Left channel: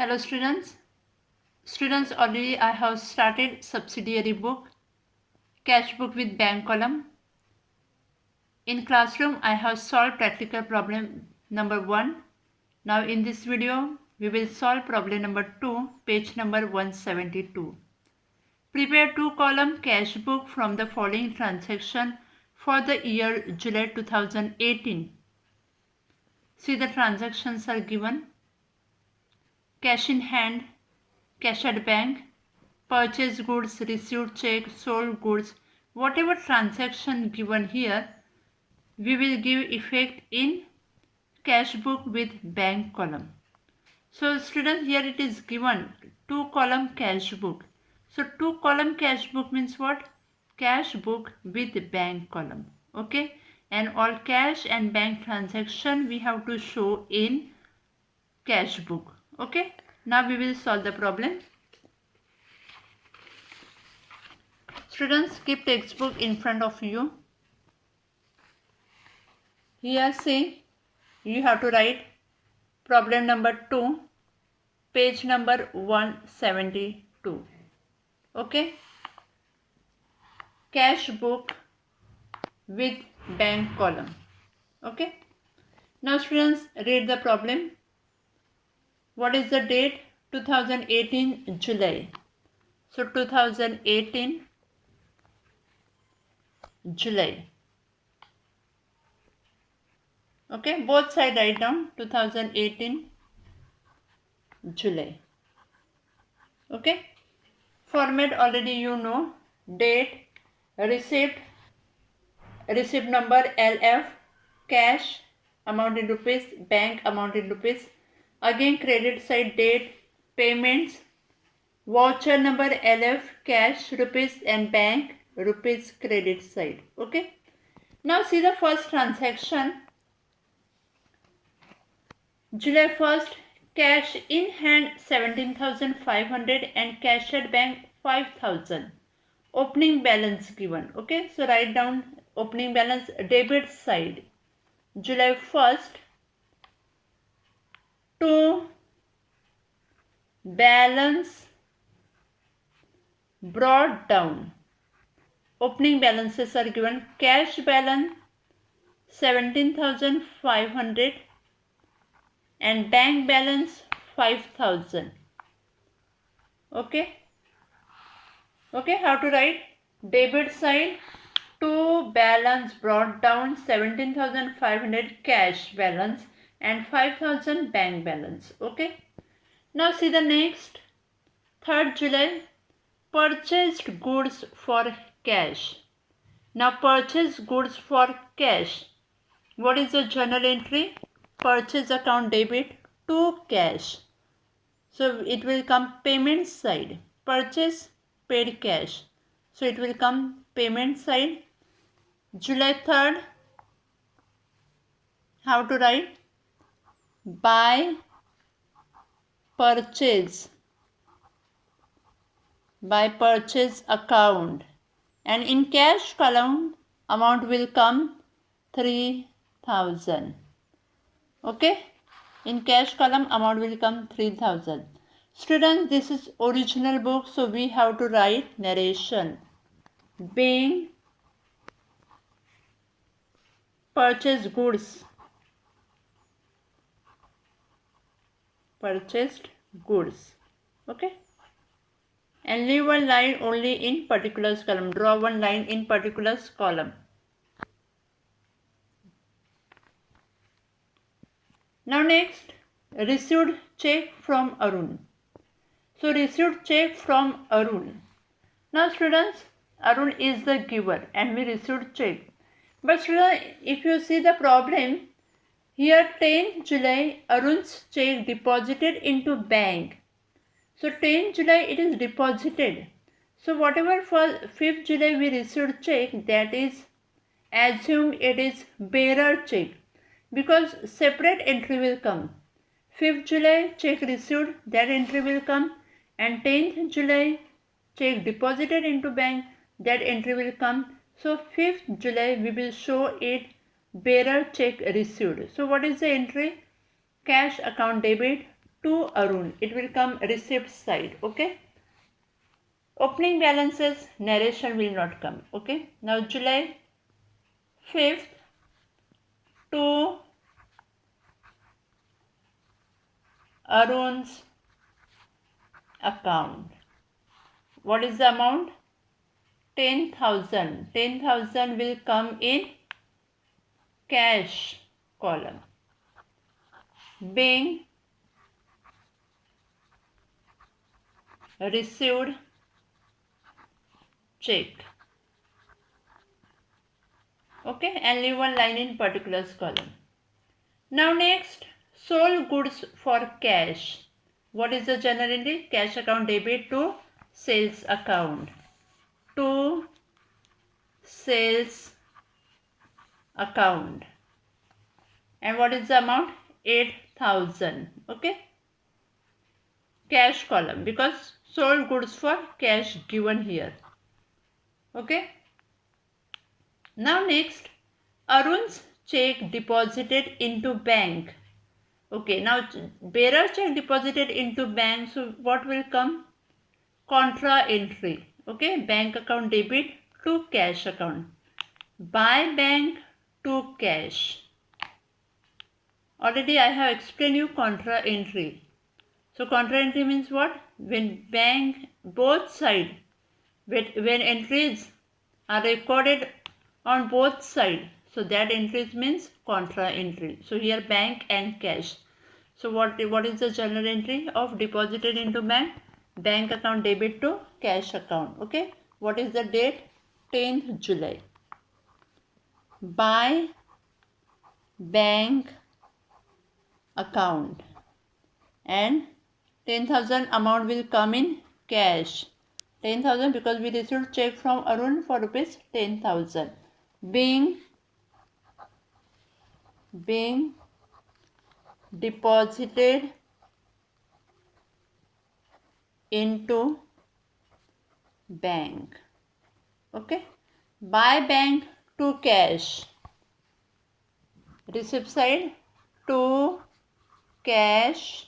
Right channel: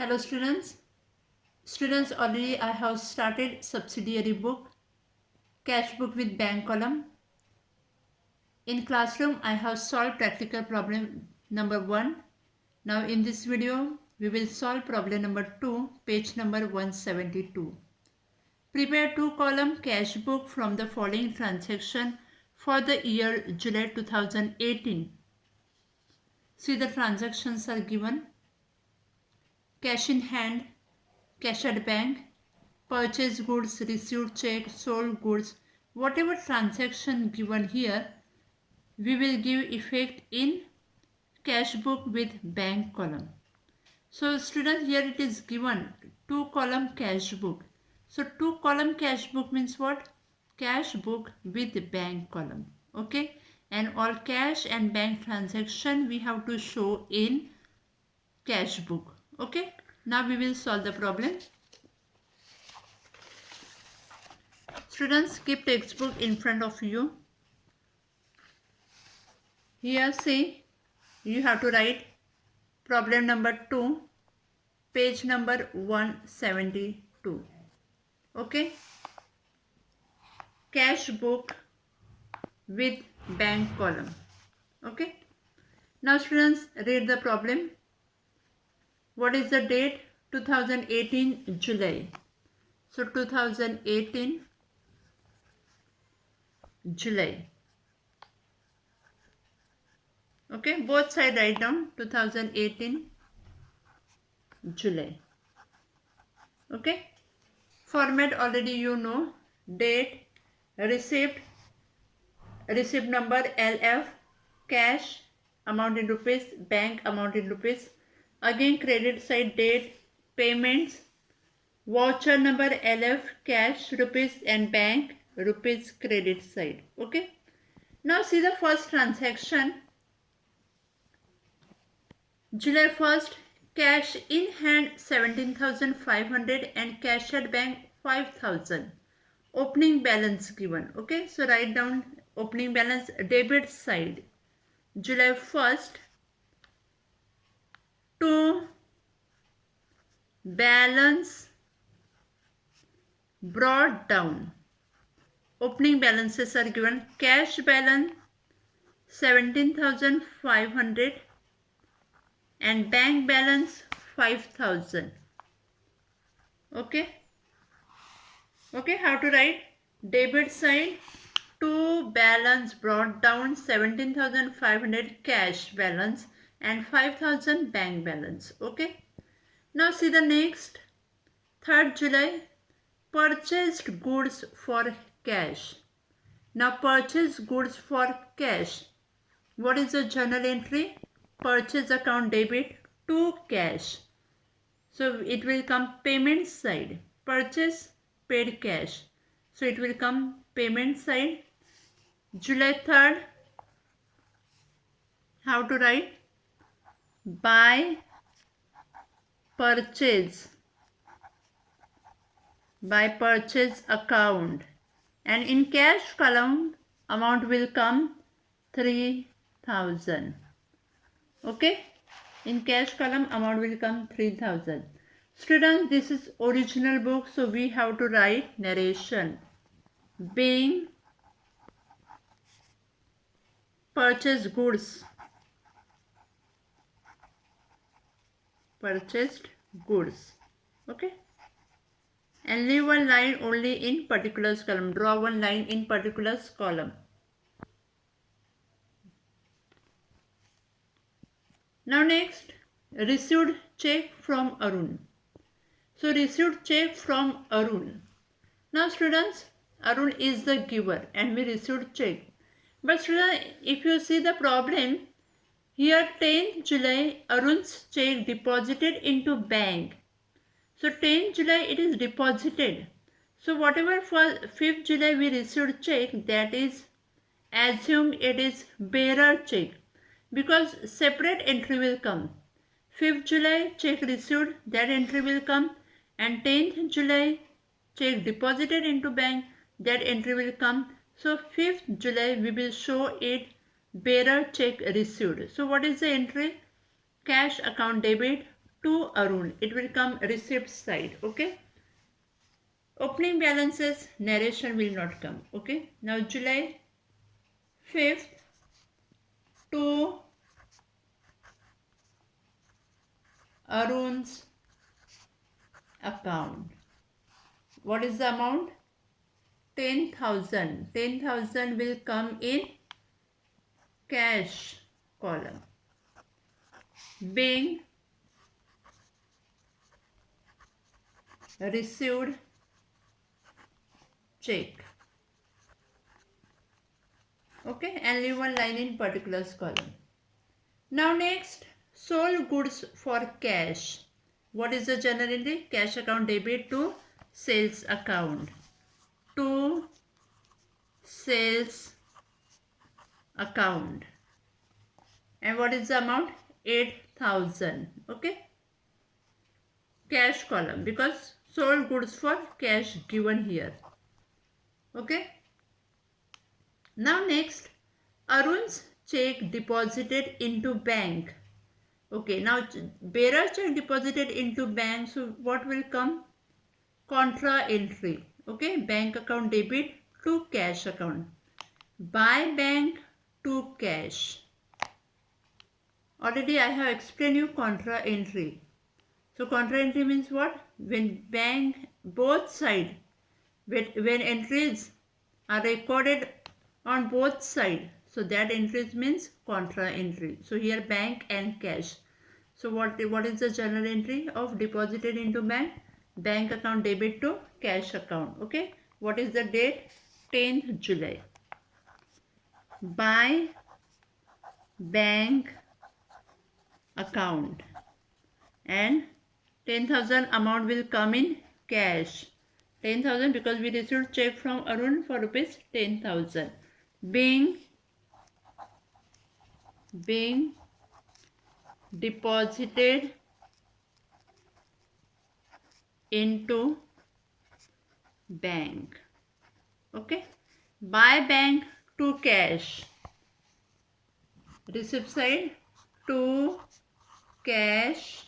Hello students. Students, already I have started subsidiary book, cash book with bank column. In classroom, I have solved practical problem number 1. Now in this video, we will solve problem number 2, page number 172. Prepare 2-column cash book from the following transaction for the year July 2018. See, the transactions are given: cash in hand, cash at bank, purchase goods, received check, sold goods. Whatever transaction given here, we will give effect in cash book with bank column. So students, here it is given 2-column cash book. So 2-column cash book means what? Cash book with bank column. Okay, and all cash and bank transaction we have to show in cash book. Okay, now we will solve the problem. Students, keep textbook in front of you. Here see, you have to write problem number 2, page number 172. Okay, cash book with bank column. Okay, now students, read the problem. What is the date? 2018 July. So 2018 July. Okay, both side write down 2018 July. Okay, format already you know: date, receipt number LF, cash amount in rupees, bank amount in rupees. Again credit side, date, payments, voucher number LF, cash rupees, and bank rupees credit side. Okay, now see the first transaction. July 1st, cash in hand 17,500 and cash at bank 5,000. Opening balance given. Okay, so write down opening balance, debit side. July 1st to balance brought down. Opening balances are given: cash balance 17,500 and bank balance 5,000. Okay, how to write? Debit side, to balance brought down 17,500 cash balance and 5,000 bank balance. Okay, now see the next. 3rd July, purchased goods for cash. Now purchase goods for cash. What is the journal entry? Purchase account debit to cash. So it will come payment side. Purchase, paid cash. So it will come payment side. July 3rd, how to write? By purchase. By purchase account. And in cash column, amount will come 3,000. Okay, in cash column amount will come 3,000. Students, this is original book, so we have to write narration. Being purchased goods. Purchased goods. Okay, and leave one line only in particulars column. Draw one line in particulars column. Now next, received check from Arun. So received check from Arun. Now students, Arun is the giver and we received check. But students, if you see the problem, here 10th July, Arun's check deposited into bank. So 10th July it is deposited. So whatever for 5th July we received check, that is, assume it is bearer check, because separate entry will come. 5th July check received, that entry will come, and 10th July check deposited into bank, that entry will come. So 5th July we will show it bearer check received. So what is the entry? Cash account debit to Arun. It will come receipt side. Okay. Opening balances, narration will not come. Okay. Now July 5th to Arun's account. What is the amount? 10,000. 10,000 will come in cash column. Being received check. Okay, and leave one line in particulars column. Now next, sold goods for cash. What is the journal entry? Cash account debit to sales account. To sales account. And what is the amount? 8,000. Okay. Cash column, because sold goods for cash given here. Okay. Now next, Arun's check deposited into bank. Okay, now bearer check deposited into bank. So what will come? Contra entry. Okay, bank account debit to cash account. By bank to cash. Already I have explained you contra entry. So contra entry means what? When bank both side, when entries are recorded on both sides, so that entries means contra entry. So here bank and cash. So what is the journal entry of deposited into bank? Bank account debit to cash account. Okay. What is the date? 10th July. By bank account, and 10,000 amount will come in cash. 10,000 because we received check from Arun for rupees 10,000. Being deposited into bank. Okay. By bank to cash. Receipt side to cash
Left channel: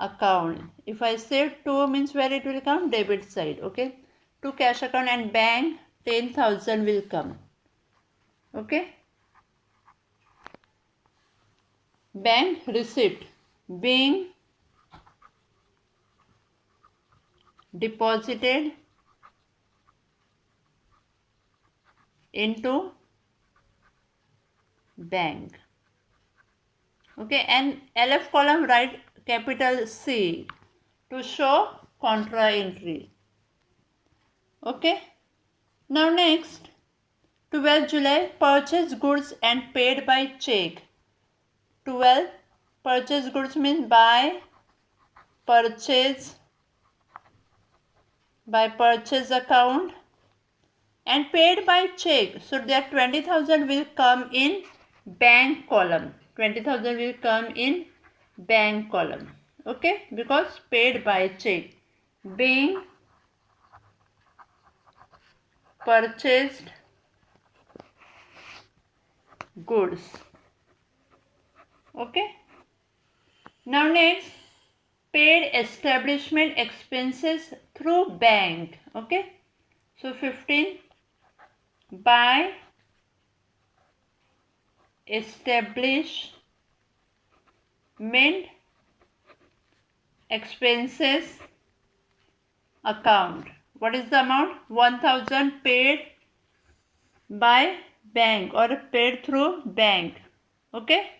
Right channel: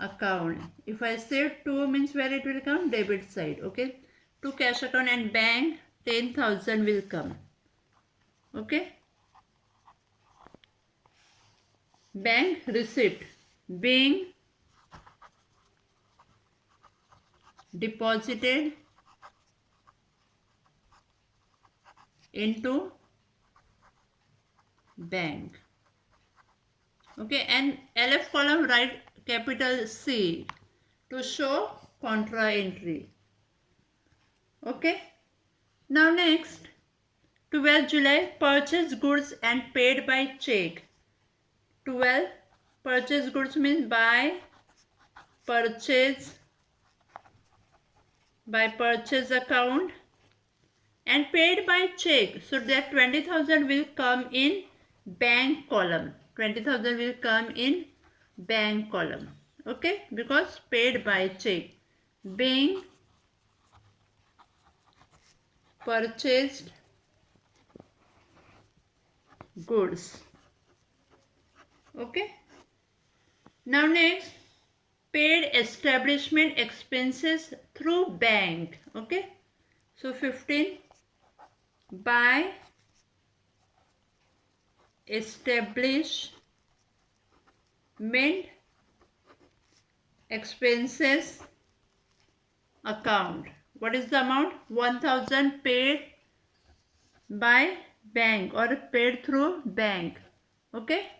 account. If I say to means where it will come? Debit side. Okay. To cash account and bank 10,000 will come. Okay. Bank receipt. Being deposited into bank. Okay, and LF column write capital C to show contra entry. Okay. Now next, 12 July, purchase goods and paid by check. 12, purchase goods means by purchase account and paid by check. So that 20,000 will come in bank column. 20,000 will come in bank column. Okay, because paid by check. Being purchased goods. Okay. Now next, paid establishment expenses through bank. Okay. So 15, by establishment expenses account. What is the amount? 1,000 paid by bank or paid through bank. Okay.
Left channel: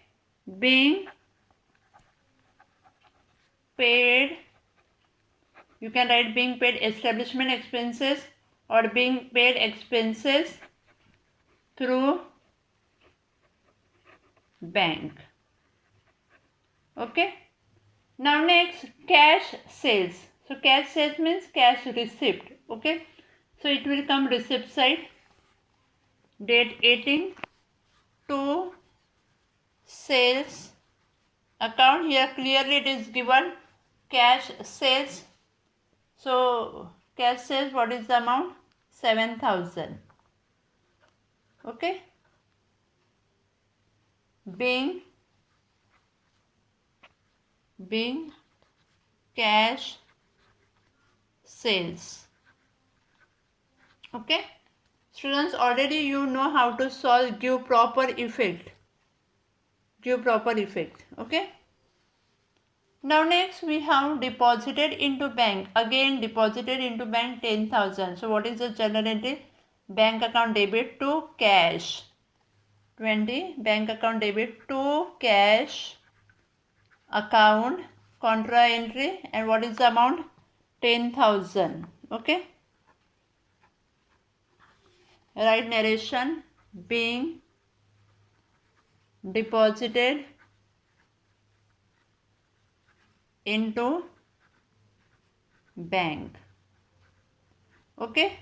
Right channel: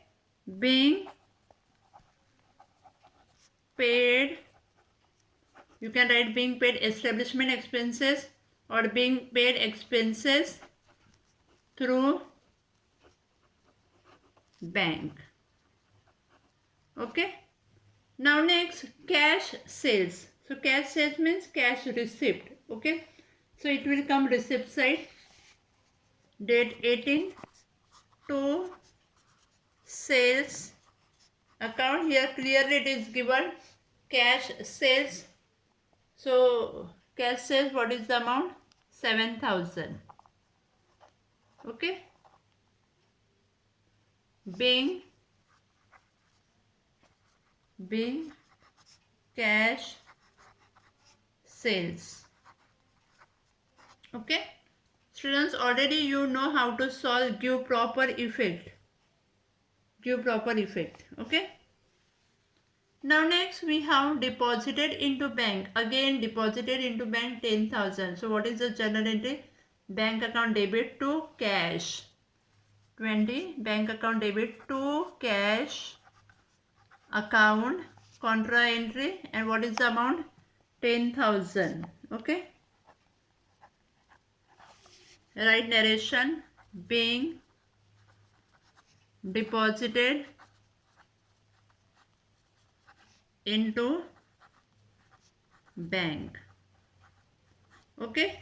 Being paid, you can write being paid establishment expenses or being paid expenses through bank. Okay. Now next, cash sales. So cash sales means cash receipt. Okay. So it will come receipt side. Date 18 to sales account. Here clearly it is given cash sales. So cash sales, what is the amount? 7,000. Okay. Being being cash sales. Okay, students, already you know how to solve give proper effect. Okay, now next we have deposited into bank. Again deposited into bank 10,000. So what is the journal entry? Bank account debit to cash 20, bank account debit to cash account, contra entry, and what is the amount? 10,000. Okay, write narration being deposited into bank. Okay,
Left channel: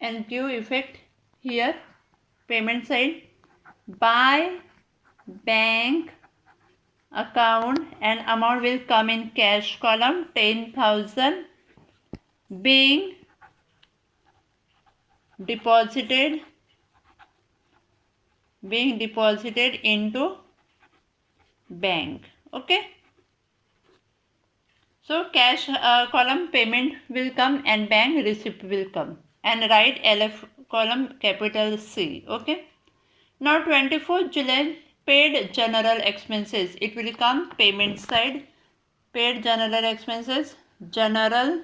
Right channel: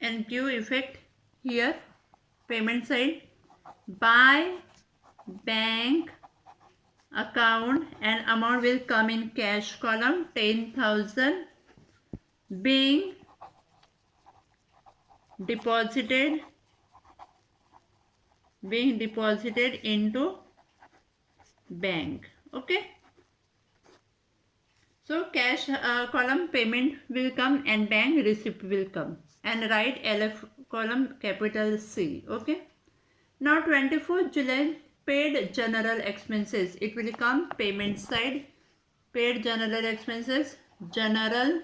and give effect here. Payment side, by bank account, and amount will come in cash column 10,000 being deposited into bank. Okay, so cash column payment will come and bank receipt will come, and write LF column capital C. Okay, now 24th July paid general expenses. It will come payment side, paid general expenses, general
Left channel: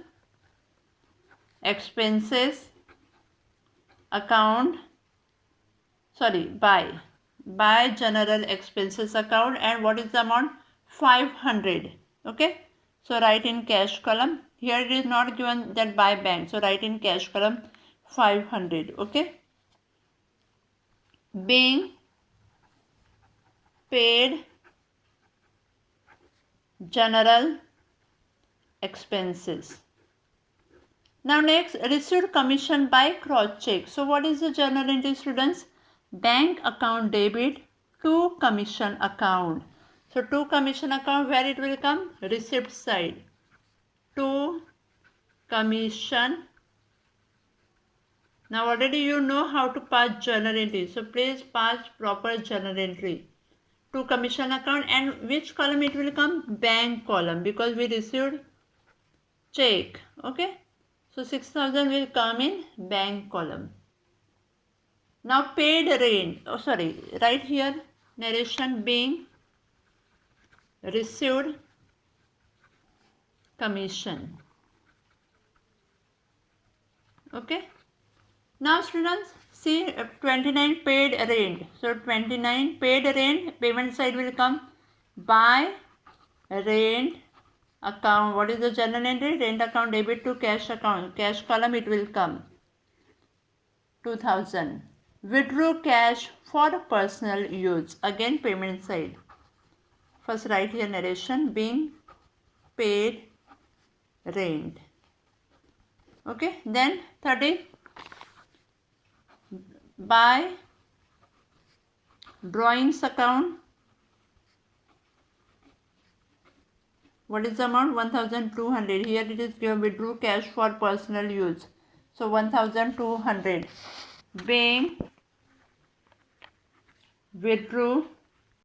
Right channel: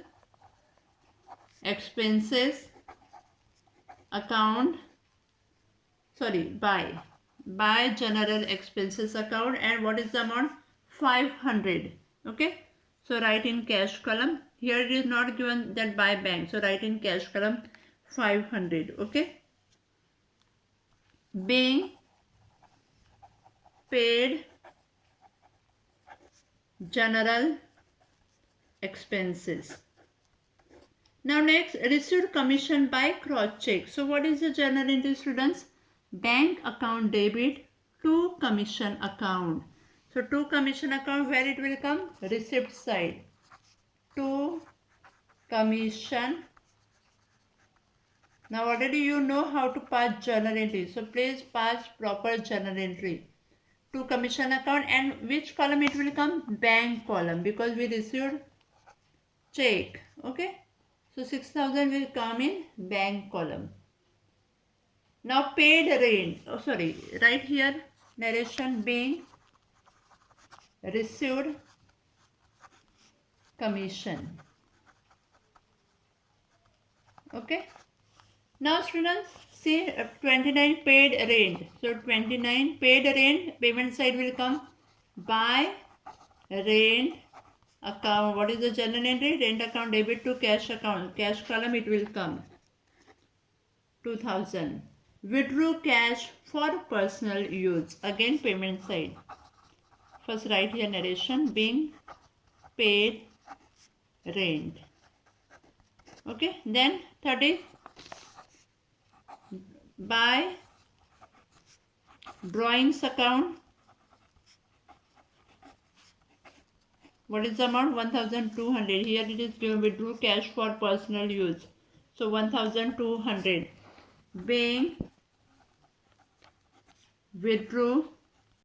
expenses account, sorry, by general expenses account, and what is the amount? 500. Okay, so write in cash column. Here it is not given that by bank, so write in cash column 500. Okay, being paid general expenses. Now next, received commission by cross check. So what is the journal entry, students? Bank account debit to commission account. So to commission account, where it will come? Receipt side. To commission. Now already you know how to pass journal entry. So please pass proper journal entry. To commission account, and which column it will come? Bank column, because we received check. Okay, so 6,000 will come in bank column. Now paid rent, right here narration being received commission. Okay, now students see 29 paid rent. So 29 paid rent, payment side will come by rent account. What is the journal entry? Rent account debit to cash account. Cash column it will come 2,000. Withdrew cash for personal use. Again payment side. First write here narration being paid rent. Okay, then 30 by drawings account. What is the amount? 1,200. Here it is given withdrew cash for personal use. So 1,200 being withdrew